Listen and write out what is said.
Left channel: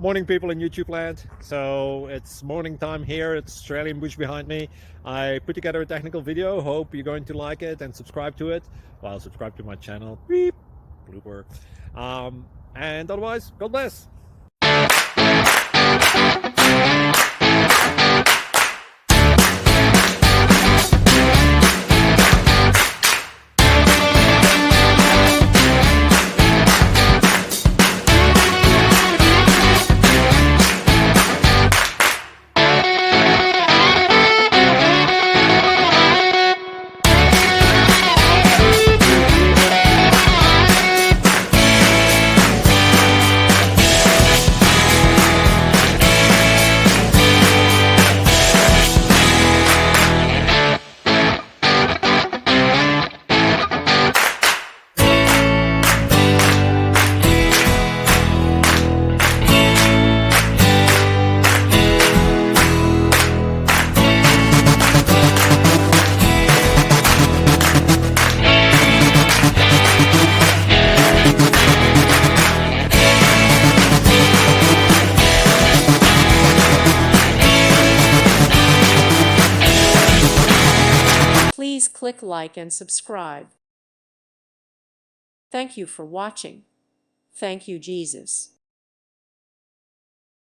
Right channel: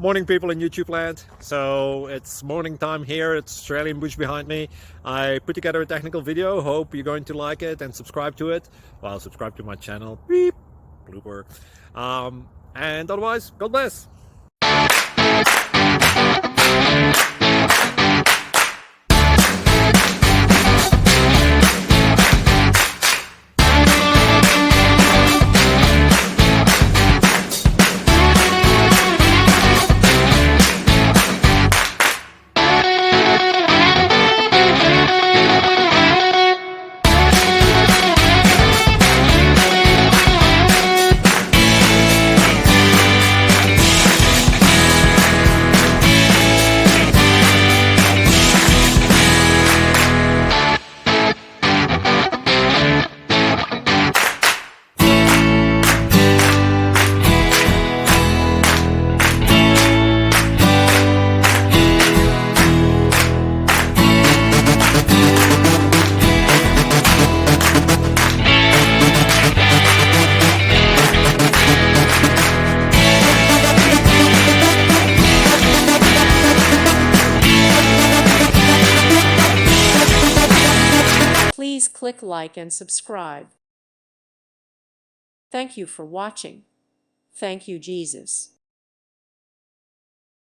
Morning, people in YouTube land. So it's morning time here. It's Australian bush behind me. I put together a technical video. Hope you're going to like it and subscribe to it. Well, subscribe to my channel. Beep. Blooper. And otherwise, God bless. Please click like and subscribe. Thank you for watching. Thank you, Jesus.